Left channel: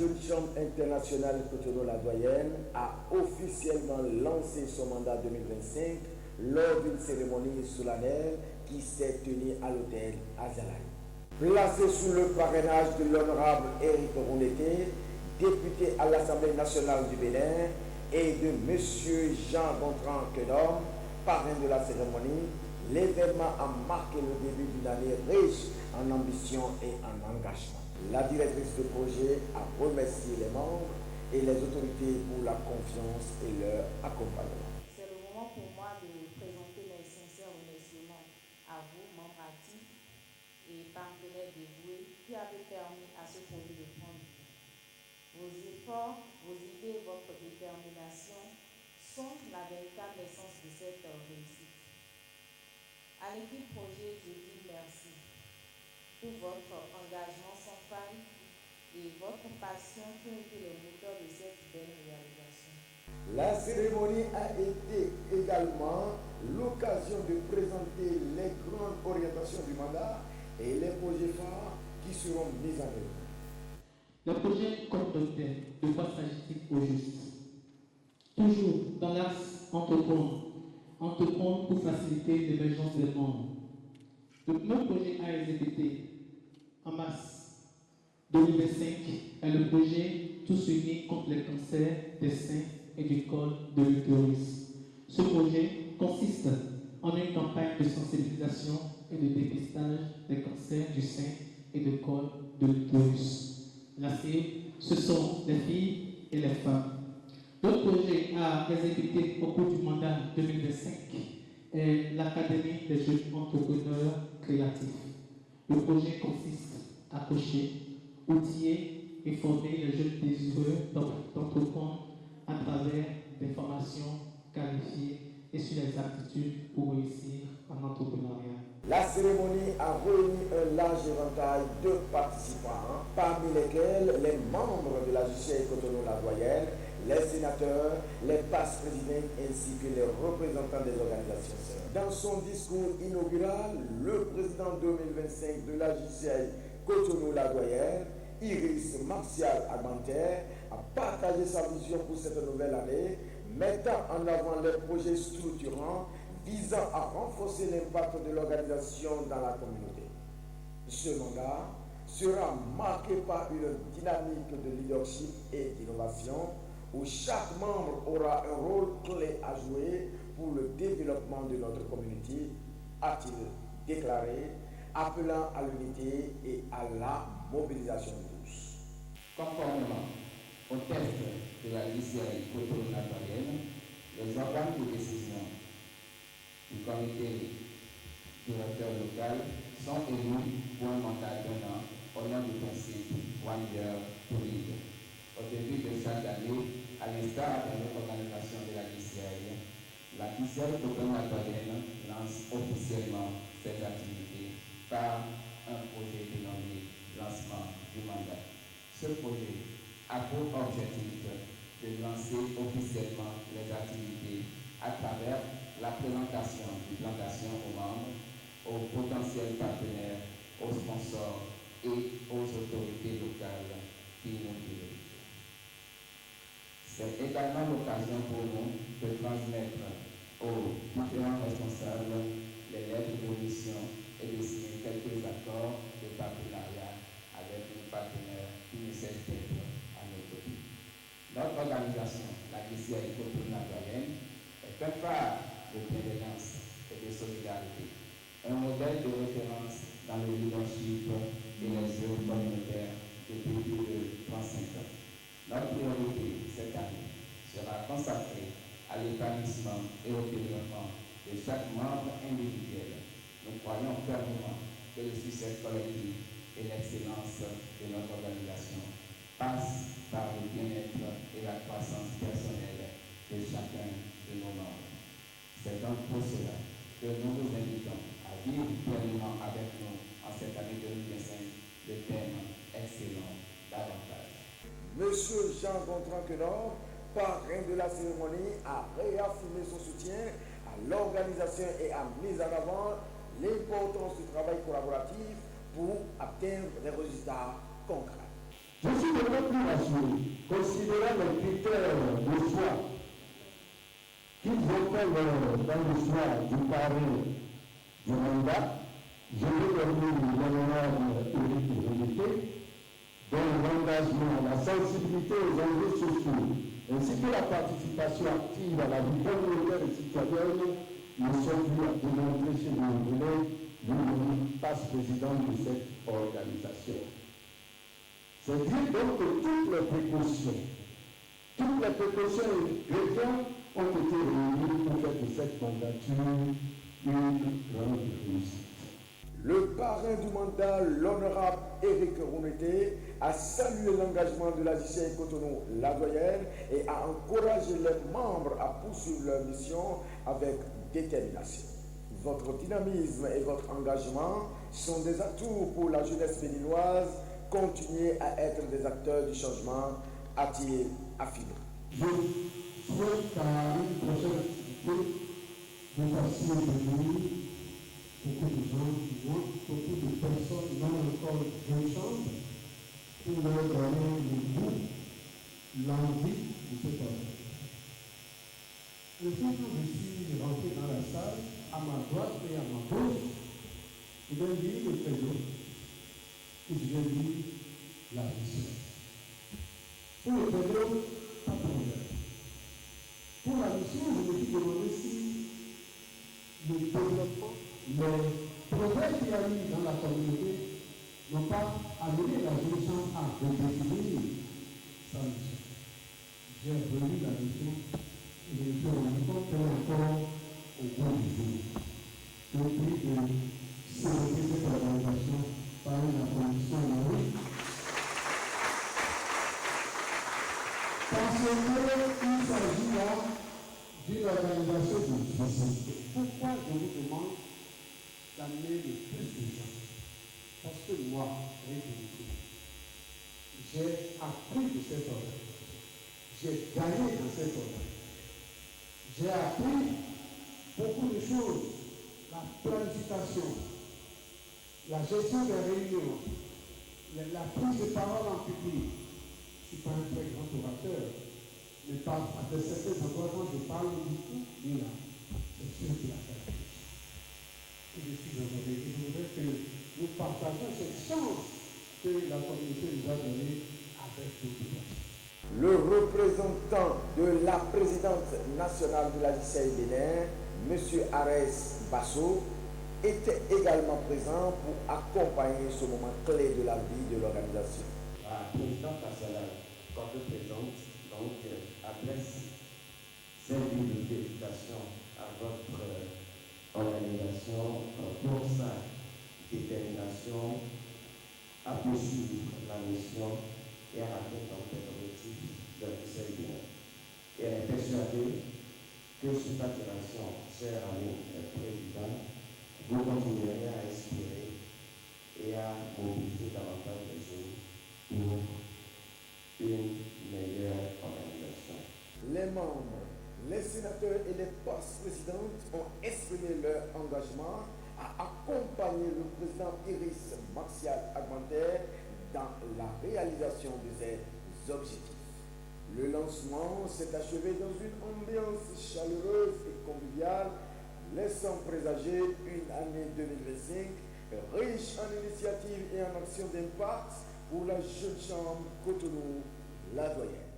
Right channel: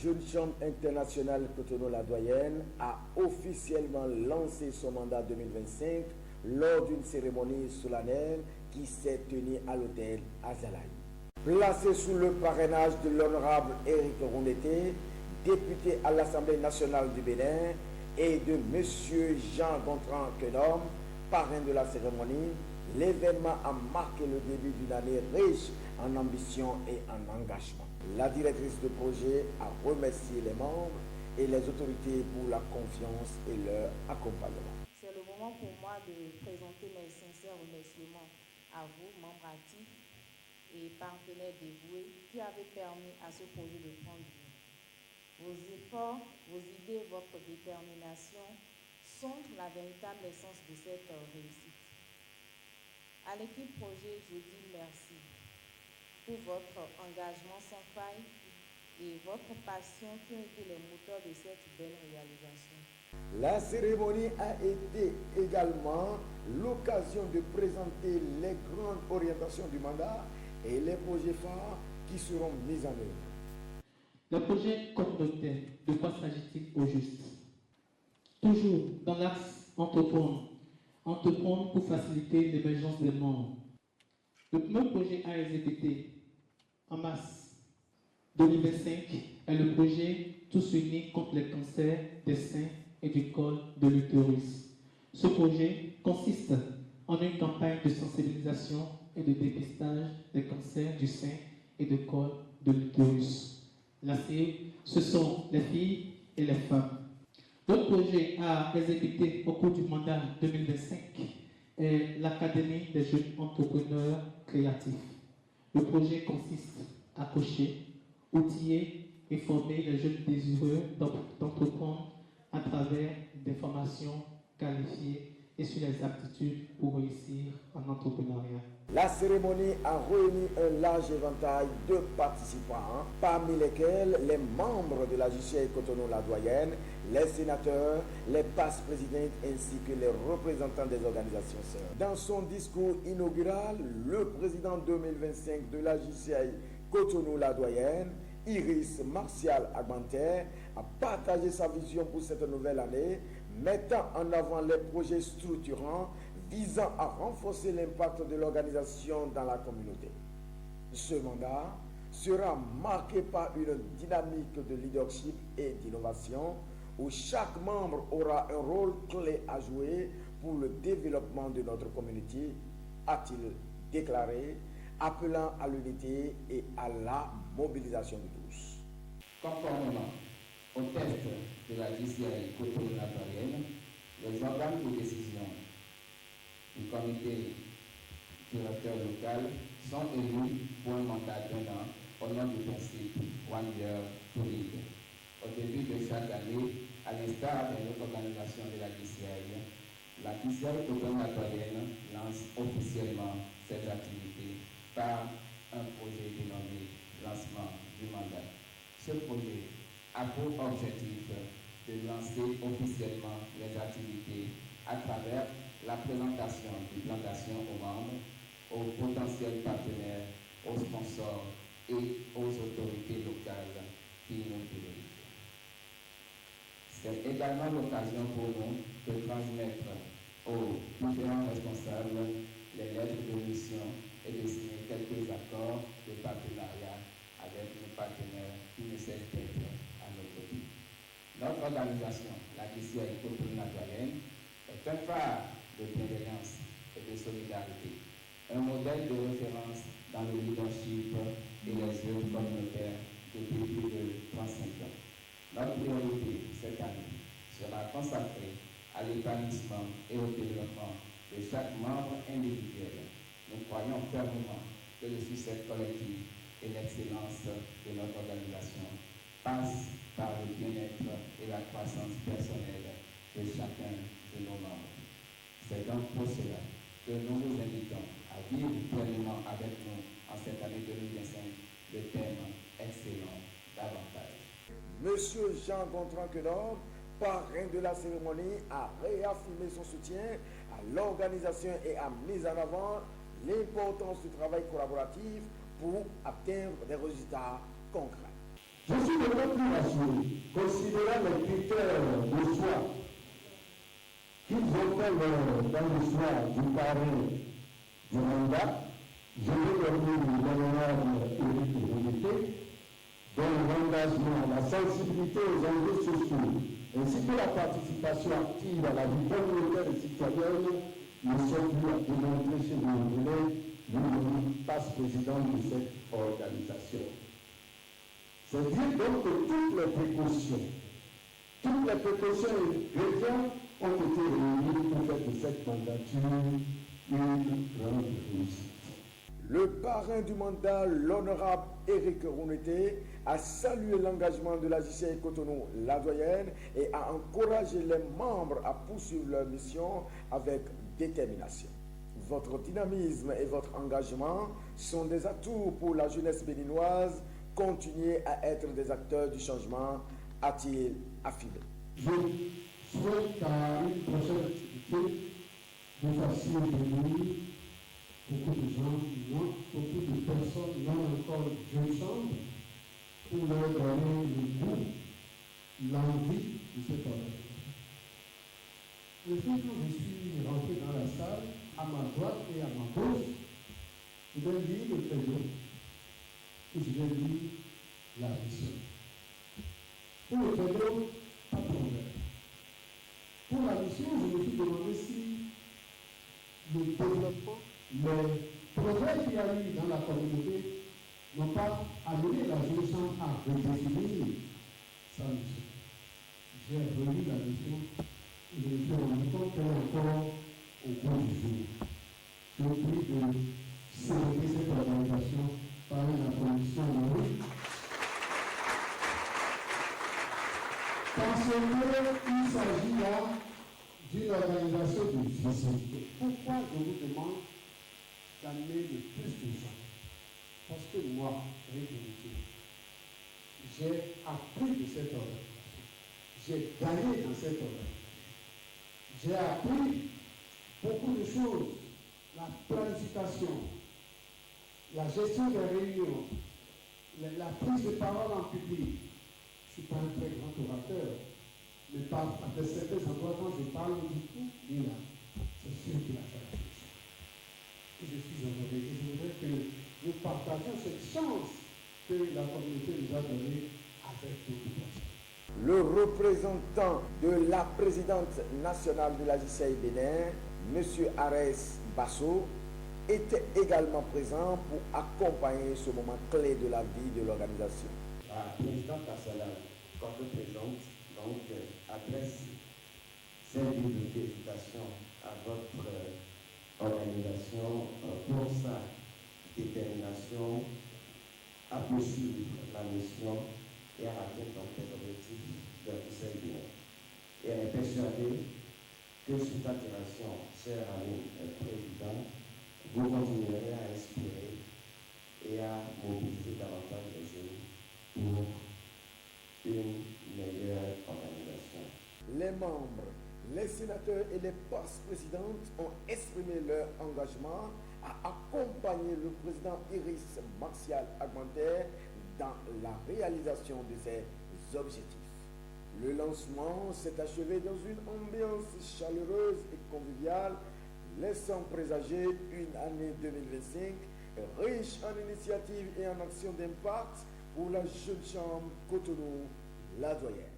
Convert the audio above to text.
Jolie Chambre internationale Cotonou-la-Doyenne a officiellement lancé son mandat 2025 lors d'une cérémonie solennelle qui s'est tenue à l'hôtel Azalaï. Placé sous le parrainage de l'honorable Éric Rouleté, député à l'Assemblée nationale du Bénin, et de M. Jean-Gontran Kelom, parrain de la cérémonie, l'événement a marqué le début d'une année riche en ambition et en engagement. La directrice du projet a remercié les membres et les autorités pour la confiance et leur accompagnement. C'est le moment pour moi de présenter mes sincères remerciements à vous, mon parti et partenaires dévoués qui avez permis à ce projet de prendre vie. Vos efforts, vos idées et votre détermination sont la véritable essence de cette réussite. À l'équipe projet, je dis merci pour votre engagement sans faille et votre passion qui ont été les moteurs de cette belle réalisation. La cérémonie a été également l'occasion de présenter les grandes orientations du mandat et les projets phares qui seront mis en œuvre. Le projet communautaire de quoi s'agit-il au juste? Toujours dans l'axe entreprendre pour faciliter l'émergence des membres. Le projet a exécuté en mars 2025 est le projet Tous unis contre les cancers des seins et du col de l'utérus. Ce projet consiste en une campagne de sensibilisation et de dépistage des cancers du sein et du col de l'utérus. La cible, ce sont les filles et les femmes. Le projet à exécuter au cours du mandat 2025 est l'Académie des jeunes entrepreneurs créatifs. Le projet consiste à coacher, outiller et former les jeunes désireux d'entreprendre à travers des formations qualifiées et sur les aptitudes pour réussir en entrepreneuriat. La cérémonie a réuni un large éventail de participants, parmi lesquels les membres de la JCI Cotonou-la-Doyenne, les sénateurs, les passes présidentes ainsi que les représentants des organisations sœurs. Dans son discours inaugural, le président 2025 de la JCI Cotonou-la-Doyenne, Iris Martial Armenter, a partagé sa vision pour cette nouvelle année, mettant en avant les projets structurants visant à renforcer l'impact de l'organisation dans la communauté. Ce mandat sera marqué par une dynamique de leadership et d'innovation où chaque membre aura un rôle clé à jouer pour le développement de notre communauté, a-t-il déclaré, appelant à l'unité et à la mobilisation de tous. Conformément au texte de la JCI Cotonou-la-Doyenne, les organes de décision du comité directeur local sont élus pour un mandat d'un an au nom du principe One Girl Two Leaders. Au début de chaque année, à l'instar de l'organisation de la JCI, la JCI Cotonou-la-Doyenne lance officiellement ses activités par un projet dénommé lancement du mandat. Ce projet a pour objectif de lancer officiellement les activités à travers la présentation du plan d'action aux membres, aux potentiels partenaires, aux sponsors et aux autorités locales qui nous dirigent. C'est également l'occasion pour nous de transmettre aux différents responsables les lettres de position et de signer quelques accords de partenariat avec nos partenaires qui nous s'expriment à nos côtés. Notre organisation, la JCI Cotonou-la-Doyenne, est un phare de bienveillance et de solidarité, un modèle de référence dans le leadership et les œuvres communautaires depuis plus de 35 ans. Notre priorité cette année sera consacrée à l'établissement et au développement de chaque membre individuel. Nous croyons fermement que le succès collectif et l'excellence de notre organisation passent par le bien-être et la croissance personnelle de chacun de nos membres. C'est donc pour cela que nous vous invitons à vivre pleinement avec nous en cette année 2025 le thème excellent davantage. Monsieur Jean-Gontran Kelom, parrain de la cérémonie, a réaffirmé son soutien à l'organisation et a mis en avant l'importance du travail collaboratif pour atteindre des résultats concrets. Je suis vraiment rassuré, considérant les critères de choix qu'ils ont dans le choix du carré du mandat. Je vais donner une priorité dans l'engagement, la sensibilité aux enjeux sociaux, ainsi que la participation active à la vie communautaire et citoyenne. Nous sommes représentés chez nos collègues du passe-président de cette organisation. C'est dire donc que toutes les précautions et ingrédients ont été réunis pour faire de cette mandature une grande réussite. Le parrain du mandat, l'honorable Éric Oumété, a salué l'engagement de la JCI Cotonou-La-Doyenne et a encouragé les membres à poursuivre leur mission avec détermination. Votre dynamisme et votre engagement sont des atouts pour la jeunesse béninoise. Continuez à être des acteurs du changement, a-t-il affirmé. Je souhaite à une prochaine activité de façon venir beaucoup de gens beaucoup de personnes dans le corps de chambre pour leur donner le goût, l'envie de ce travail. Le jour où je suis rentré dans la salle, à ma droite et à ma gauche, je vais lire le témoin, ou je vais lire la mission. Pour le vélo, pas de problème. Pour la mission, je dis que aussi le développement, les progrès qui arrivent dans la communauté n'ont pas amené la solution à redéfinir sa mission. J'ai prévu la mission et je suis encore au bout du jour. Je prie de sauver cette organisation par une apparition à oui. Parce qu'il s'agit là d'une organisation difficile. Pourquoi je vous demande d'amener le plus de gens? Parce que moi, j'ai appris de cette organisation. J'ai gagné dans cette organisation. J'ai appris beaucoup de choses. La planification, la gestion des réunions, la prise de parole en public. Je ne suis pas un très grand orateur, mais après certains endroits, je parle beaucoup, mais là, c'est sûr qu'il y a quelque chose. Et je suis heureux. Et je voudrais que nous partagions cette chance que la communauté nous a donnée avec tout le monde. Le représentant de la présidente nationale de la JCI Bénin, M. Arès Basso, était également présent pour accompagner ce moment clé de la vie de l'organisation. La présidente nationale, comme présente, donc, adresse ses mots de félicitations à votre organisation pour sa détermination à poursuivre la mission et à atteindre les objectifs de la JCI. Et elle est persuadée que cette admiration chère à nous, le président, vous continuerez à inspirer et à mobiliser davantage de choses pour une meilleure organisation. Les membres, les sénateurs et les post-présidentes ont exprimé leur engagement à accompagner le président Iris Martial Aguanter dans la réalisation de ses objectifs. Le lancement s'est achevé dans une ambiance chaleureuse et conviviale, laissant présager une année 2025 riche en initiatives et en actions d'impact pour la jeune chambre Cotonou-La Doyenne.